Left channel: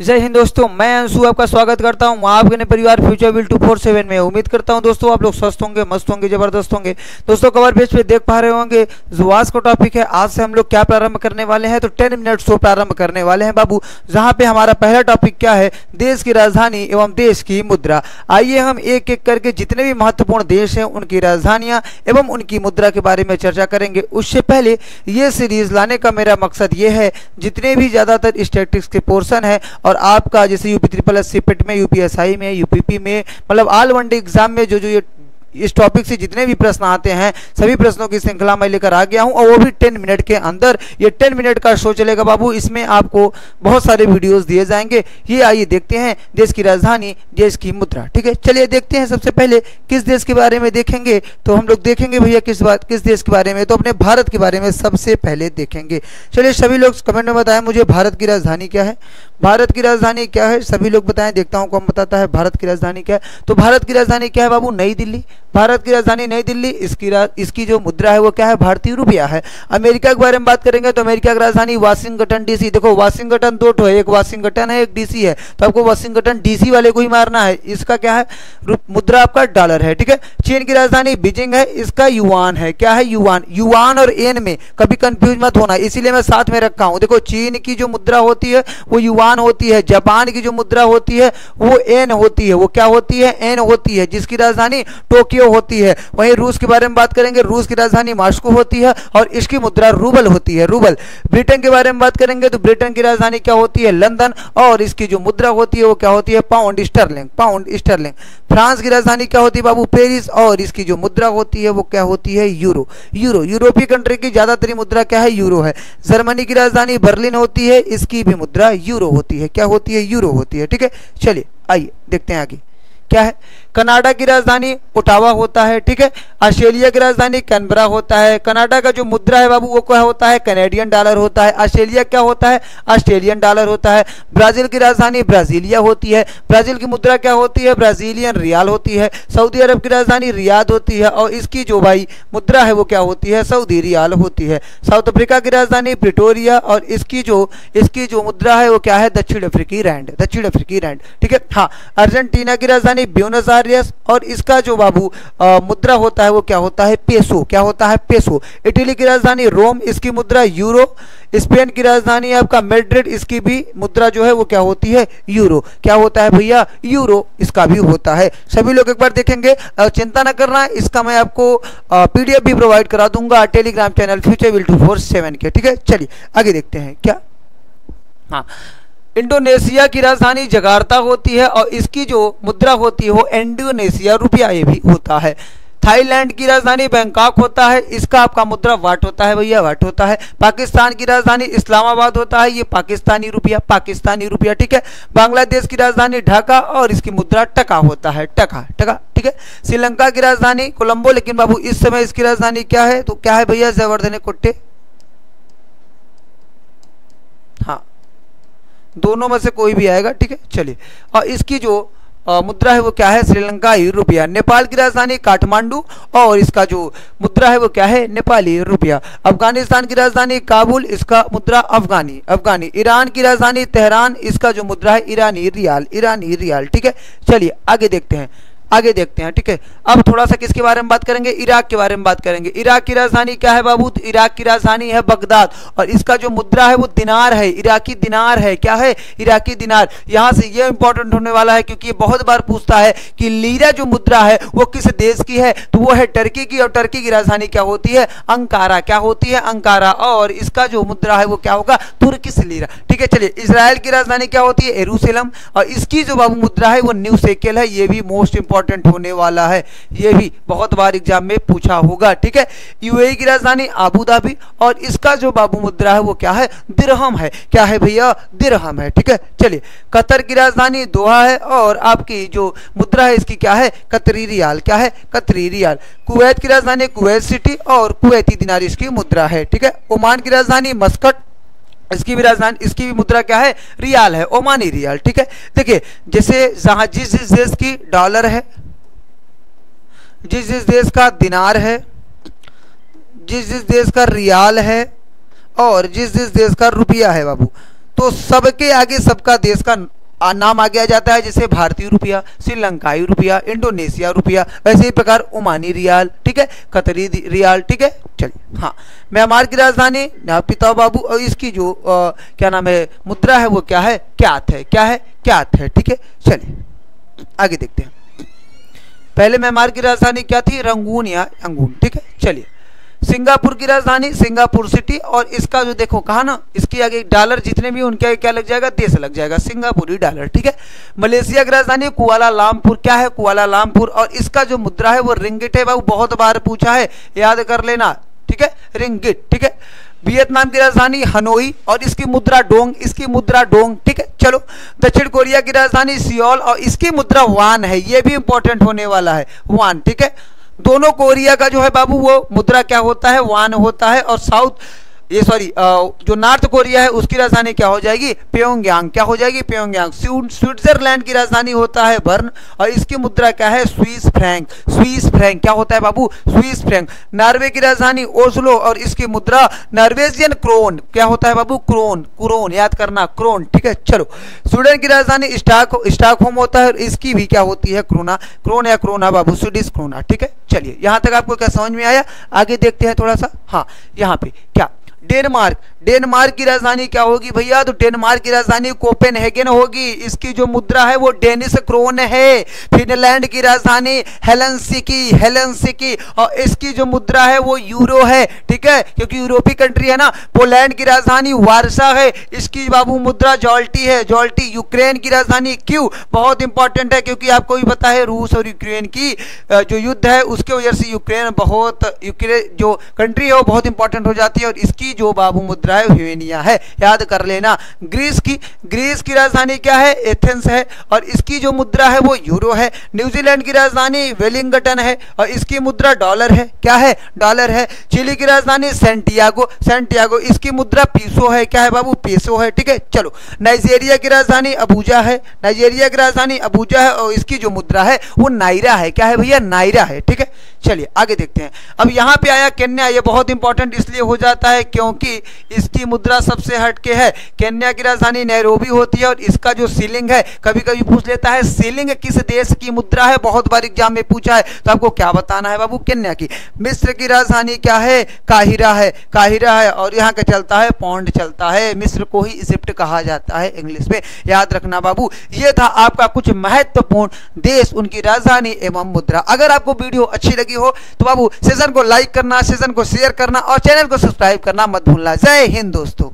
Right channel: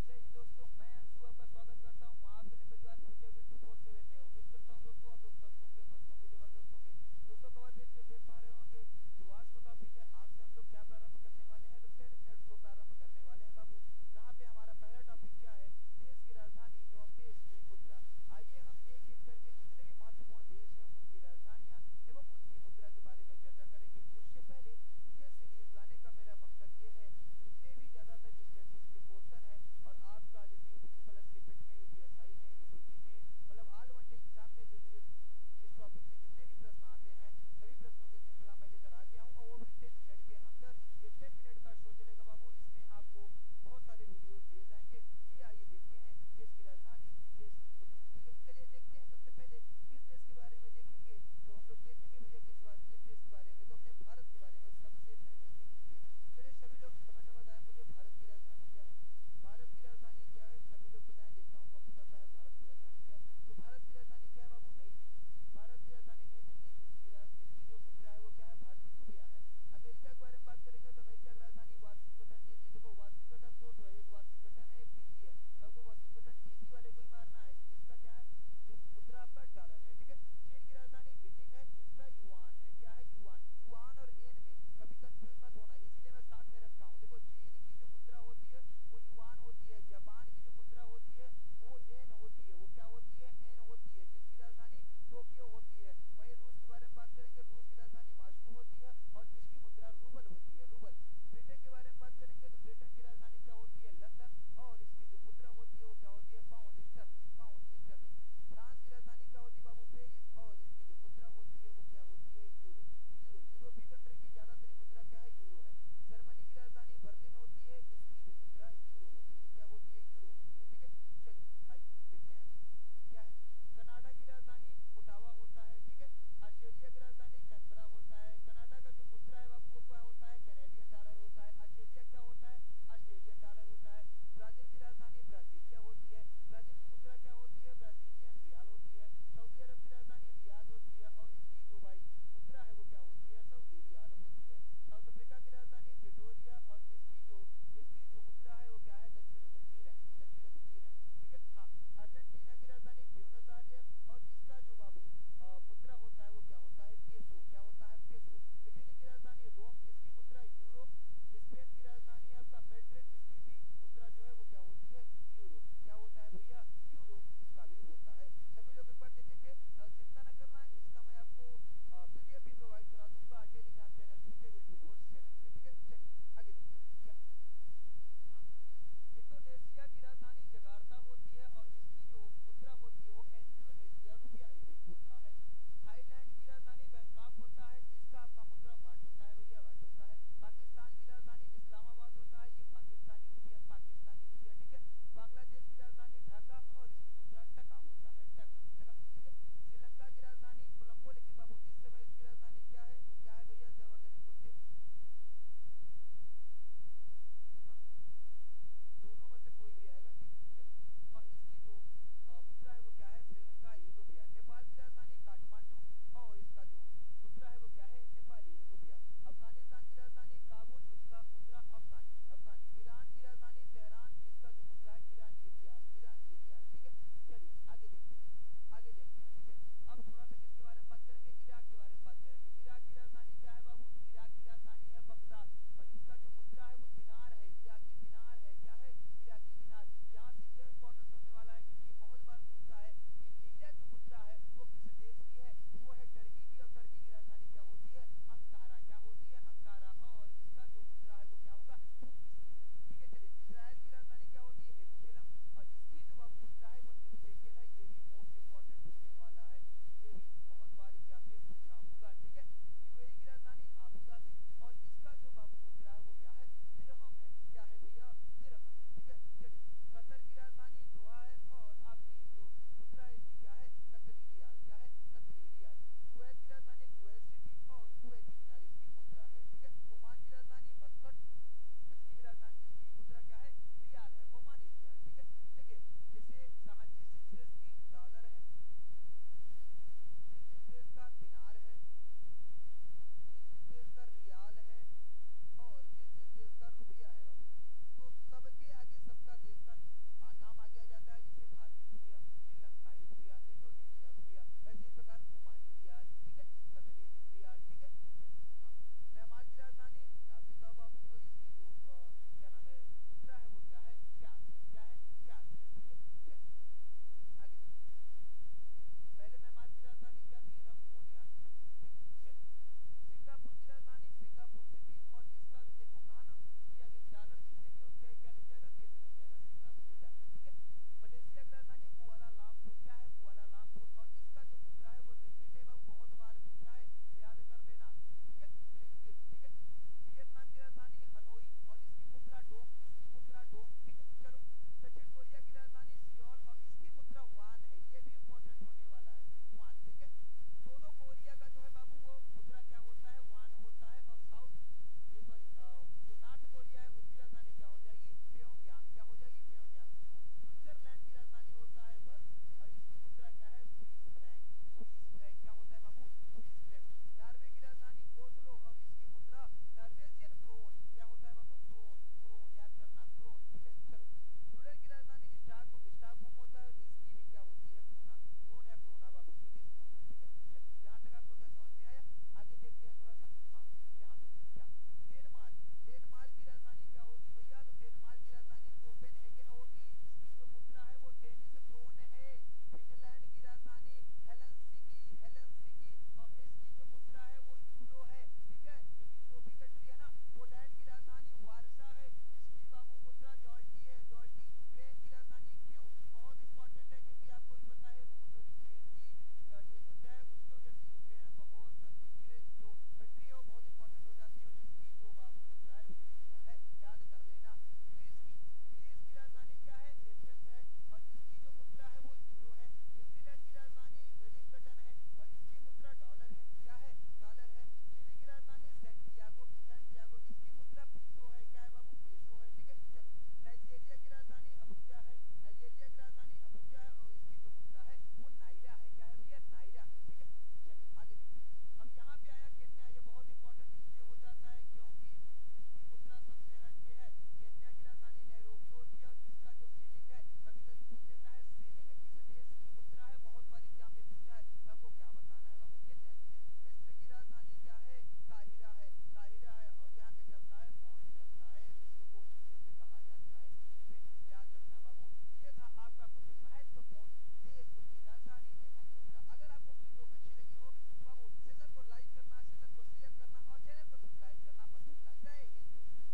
जय हिंद दोस्तों, मैं अंशु आपका स्वागत करता हूं आपके अपने परिवार फ्यूचर विल 247 में। उम्मीद करता हूं दोस्तों आप लोग स्वस्थ होंगे, मस्त होंगे, जबरदस्त होंगे। दोस्तों कवर पेज पे देख पा रहे होंगे जो आज का टॉपिक है। आज से हम लोग क्या प्रारंभ करने वाले हैं, तो 10 मिनट शो प्रारंभ करने वाले हैं बाबू, जहां पे हमारा पहला टॉपिक क्या है, देश की राजधानी एवं देश की मुद्रा। आइए हम एक एक करके जितने भी महत्वपूर्ण देश हैं उनकी राजधानियां एवं उनकी मुद्रा के बारे में चर्चा करेंगे। उससे पहले ये सीरीज लाने का मेरा मकसद ये है, जितने भी ज़्यादातर स्टैटिस्टिक्स के पोर्शन है और आपका जैसे यूपी ट्रिपल एस सीपेट में, यूपीएसआई में, यूपीपी में, मतलब ऑल वनडे एग्जाम में जो ये इस टॉपिक से जितने भी प्रश्न आते हैं सभी प्रश्नों की श्रृंखला मैं लेकर आ गया हूं, और वो भी 10 मिनट के अंदर। ये 10 मिनट का शो चलेगा बाबू, इसमें आपको बहुत सारे वीडियोस दिए जाएंगे। ये आइए देखते हैं देश की राजधानी, देश की मुद्रा। ठीक है, चलिए देखते हैं। सबसे पहले किस देश के बारे में देखेंगे, तो हम लोग देखेंगे भैया किस देश के बारे में, तो अपने भारत के बारे में सबसे पहले देखेंगे। चलिए सभी लोग कमेंट में बताएं मुझे भारत की राजधानी क्या है। भारत की राजधानी क्या है सभी लोग बताएं, देखता हूं कौन बताता है भारत की राजधानी क्या है। तो भारत की राजधानी क्या है बाबू, नई दिल्ली। भारत की राजधानी नई दिल्ली। इसकी जो मुद्रा है वो क्या है, भारतीय रुपया है। अमेरिका के बारे में बात करेंगे तो अमेरिका की राजधानी वाशिंगटन डीसी। देखो वाशिंगटन दो ठो है, एक वाशिंगटन है एक डीसी है, तो आपको वाशिंगटन डीसी वाले को ही मारना है। इसका क्या है, मुद्रा आपका डॉलर है। ठीक है, चीन की राजधानी बीजिंग है, इसका युआन है। क्या है, युआन। युआन और एन में कभी कंफ्यूज मत होना, इसीलिए मैं साथ में रखा हूं। देखो चीन की जो मुद्रा होती है वो युआन होती है, जापान की जो मुद्रा होती है वो एन होती है। वो क्या होती है, एन होती है, जिसकी राजधानी टोक्यो होती है। वहीं रूस के बारे में बात करेंगे, रूस की राजधानी मॉस्को होती है और इसकी मुद्रा रूबल होती है, रूबल। ब्रिटेन के बारे में बात करेंगे तो ब्रिटेन की राजधानी क्या होती है, लंदन, और इसकी जो मुद्रा होती है वो क्या होती है, pound sterling, pound sterling. France की राजधानी क्या होती है बाबू, पेरिस, और इसकी जो मुद्रा होती है वो क्या होती है, यूरो। यूरो, यूरोपीय कंट्री की ज्यादातर मुद्रा क्या है, यूरो है। जर्मनी की राजधानी बर्लिन होती है, इसकी भी मुद्रा यूरो होती है। क्या होती है, यूरो होती है। ठीक है, चलिए आइए देखते हैं आगे क्या है। कनाडा की राजधानी ओटावा होता है। ठीक है, ऑस्ट्रेलिया की राजधानी कैनबरा होता है। कनाडा का जो मुद्रा है बाबू वो क्या होता है, कैनेडियन डॉलर होता है। ऑस्ट्रेलिया क्या होता है, ऑस्ट्रेलियन डॉलर होता है। ब्राजील की राजधानी ब्राजीलिया होती है, ब्राजील की मुद्रा क्या होती है, ब्राजीलियन रियाल होती है। सऊदी अरब की राजधानी रियाद होती है और इसकी जो भाई मुद्रा है वो क्या होती है, सऊदी रियाल होती है। साउथ अफ्रीका की राजधानी प्रिटोरिया और इसकी जो मुद्रा है वो क्या है, दक्षिण अफ्रीकी रैंड, दक्षिण अफ्रीकी रैंड। ठीक है, हाँ। अर्जेंटीना की राजधानी ब्यूनस आयर्स और इसका जो बाबू मुद्रा होता है वो क्या होता है, पेसो। क्या होता है, पेसो। इटली की राजधानी रोम, इसकी मुद्रा यूरो। स्पेन की राजधानी आपका मैड्रिड, इसकी भी मुद्रा जो है वो क्या होती है, यूरो। क्या होता है भैया, यूरो, इसका भी होता है। सभी लोग एक बार देखेंगे, चिंता न करना, इसका मैं आपको पीडीएफ भी प्रोवाइड करा दूंगा टेलीग्राम चैनल फ्यूचर विल 247 के। ठीक है, चलिए आगे देखते हैं क्या। हाँ, इंडोनेशिया की राजधानी जकार्ता होती है और इसकी जो मुद्रा होती है वो इंडोनेशिया रुपया ये भी होता है। थाईलैंड की राजधानी बैंकॉक होता है, इसका आपका मुद्रा वाट होता है भैया, वाट होता है। पाकिस्तान की राजधानी इस्लामाबाद होता है, ये पाकिस्तानी रुपया, पाकिस्तानी रुपया। ठीक है, बांग्लादेश की राजधानी ढाका और इसकी मुद्रा टका होता है, टका, टका। ठीक है, श्रीलंका की राजधानी कोलंबो, लेकिन बाबू इस समय इसकी राजधानी क्या है, तो क्या है भैया, जयवर्धने कोट्टे। हाँ, दोनों में से कोई भी आएगा। ठीक है, चलिए। और इसकी जो मुद्रा है वो क्या है, श्रीलंकाई रुपया। नेपाल की राजधानी काठमांडू और इसका जो मुद्रा है वो क्या है, नेपाली रुपया। अफगानिस्तान की राजधानी काबुल, इसका मुद्रा अफगानी, अफगानी। ईरान की राजधानी तेहरान, इसका जो मुद्रा है ईरानी रियाल, ईरानी रियाल। ठीक है, चलिए आगे देखते हैं, आगे देखते हैं। ठीक है, अब थोड़ा सा किसके बारे में बात करेंगे, इराक के बारे में बात करेंगे। इराक की राजधानी क्या है बाबू, तो इराक की राजधानी है बगदाद और इसका जो मुद्रा है वो दिनार है, इराकी दिनार है। क्या है, इराकी दिनार। यहां से ये इंपॉर्टेंट होने वाला है क्योंकि ये बहुत बार पूछता है कि लीरा जो मुद्रा है वो किस देश की है, तो वो है टर्की की, और टर्की की राजधानी क्या होती है, अंकारा। क्या होती है, अंकारा। और इसका जो मुद्रा है वो क्या होगा, तुर्किश लीरा। ठीक है, चलिए। इजराइल की राजधानी क्या होती है, यरूशलेम, और इसकी जो बाबू मुद्रा है वो न्यू शेकेल है। ये भी मोस्ट इंपॉर्टेंट होने वाला है, ये भी बहुत बार एग्जाम में पूछा होगा। ठीक है, यूएई की राजधानी आबू धाबी और इसका जो बाबू मुद्रा है वो क्या है, दिरहम है। क्या है भैया, दिरहम है। ठीक है, चलिए। कतर की राजधानी दोहा है और आपकी जो मुद्रा है इसकी क्या है, कतरी रियाल। क्या है, कतरी रियाल। कुवैत की राजधानी कुवैत सिटी और कुवैती दिनार इसकी मुद्रा है। ठीक है, ओमान की राजधानी मस्कट, इसकी भी राजधानी, इसकी भी मुद्रा क्या है, रियाल है, ओमानी रियाल। ठीक है, देखिए जैसे जहां जिस जिस देश की डॉलर है, जिस जिस देश का दिनार है, जिस जिस देश का रियाल है और जिस जिस देश का रुपया है बाबू, तो सबके आगे सबका देश का नाम आ गया जाता है, जैसे भारतीय रुपया, श्रीलंकाई रुपया, इंडोनेशिया रुपया, वैसे ही प्रकार ओमानी रियाल, ठीक है, कतरी रियाल, ठीक है। चलिए, हाँ, म्यांमार की राजधानी नापिता बाबू, और इसकी जो क्या नाम है मुद्रा है वो क्या है, क्यात है, क्या है, क्यात है, ठीक है। चलिए आगे देखते हैं। पहले म्यांमार की राजधानी क्या थी, रंगून या यंगून, ठीक है। चलिए, सिंगापुर की राजधानी सिंगापुर सिटी, और इसका जो देखो कहा ना, इसके आगे डॉलर जितने भी उनके आगे क्या लग जाएगा, देश लग जाएगा, सिंगापुरी डॉलर, ठीक है। मलेशिया की राजधानी कुआलालंपुर, क्या है, कुआलालंपुर, और इसका जो मुद्रा है वो रिंगिट है बाबू, बहुत बार पूछा है, याद कर लेना, ठीक है, रिंगिट, ठीक है। वियतनाम की राजधानी हनोई, और इसकी मुद्रा डोंग, इसकी मुद्रा डोंग, ठीक है। चलो, दक्षिण कोरिया की राजधानी सियोल, और इसकी मुद्रा वान है, ये भी इंपॉर्टेंट होने वाला है, वान, ठीक है। दोनों कोरिया का जो है बाबू वो मुद्रा क्या होता है, वान होता है, और जो नॉर्थ कोरिया है उसकी राजधानी क्या हो जाएगी, प्योंगयांग, क्या हो जाएगी, प्योंगयांग। स्विट्जरलैंड की राजधानी होता है बर्न, और इसकी मुद्रा क्या है, स्विस फ्रैंक, स्विस फ्रैंक, क्या होता है बाबू, स्विस फ्रैंक। नॉर्वे की राजधानी ओस्लो, और इसकी मुद्रा नॉर्वेजियन क्रोन, क्या होता है बाबू, क्रोन, क्रोन, याद करना, क्रोन, ठीक है। चलो, स्वीडन की राजधानी स्टॉकहोम होता है, इसकी भी क्या होती है, क्रोना, क्रोन या क्रोना बाबू, स्वीडिश क्रोना, ठीक है। चलिए, यहां तक आपको क्या समझ में आया, आगे देखते हैं थोड़ा सा। हाँ, यहाँ पे क्या, डेनमार्क, डेनमार्क की राजधानी क्या होगी भैया, तो डेनमार्क की राजधानी कोपेनहेगन होगी, इसकी जो मुद्रा है वो डेनिश क्रोन है। फिनलैंड की राजधानी हेलेंसिकी, हेलेंसिकी, और इसकी जो मुद्रा है वो यूरो है, ठीक है, क्योंकि यूरोपीय कंट्री है ना। पोलैंड की राजधानी वार्सा है, इसकी बाबू मुद्रा जॉल्टी है, जॉल्टी। यूक्रेन की राजधानी क्यू, बहुत इंपॉर्टेंट है, क्योंकि आपको भी पता है रूस और यूक्रेन की जो युद्ध है उसके वजह से यूक्रेन जो कंट्री है वो बहुत इंपॉर्टेंट हो जाती है, और इसकी जो बाबू मुद्रा है ह्यूनिया है, याद कर लेना। ग्रीस की राजधानी क्या है, एथेंस है, और इसकी जो मुद्रा है वो यूरो है। न्यूजीलैंड की राजधानी वेलिंगटन है, और इसकी मुद्रा डॉलर है, क्या है, डॉलर है। चिली की राजधानी सेंटियागो, सेंटियागो, इसकी मुद्रा पीसो है, क्या है बाबू, पीसो है, ठीक है। चलो, नाइजीरिया की राजधानी अबूजा है, नाइजीरिया की राजधानी अबूजा है, और इसकी जो मुद्रा है वो नायरा है, क्या है भैया, नायरा है, ठीक है। चलिए आगे देखते हैं। अब यहां पे आया केन्या, ये बहुत इंपॉर्टेंट इसलिए हो जाता है क्योंकि इसकी मुद्रा सबसे हटके है। केन्या की राजधानी नैरोबी होती है, और इसका जो सीलिंग है, कभी कभी पूछ लेता है सीलिंग किस देश की मुद्रा है, बहुत बार एग्जाम में पूछा है, तो आपको क्या बताना है बाबू, केन्या की। मिस्र की राजधानी क्या है, काहिरा है, काहिरा है, और यहाँ का चलता है पौंड चलता है, मिस्र को ही इजिप्ट कहा जाता है इंग्लिश में, याद रखना बाबू। ये था आपका कुछ महत्वपूर्ण देश, उनकी राजधानी एवं मुद्रा। अगर आपको वीडियो अच्छी लगी हो तो बाबू सेशन को लाइक करना, सेशन को शेयर करना, और चैनल को सब्सक्राइब करना मत भूलना। जय हिंद दोस्तों।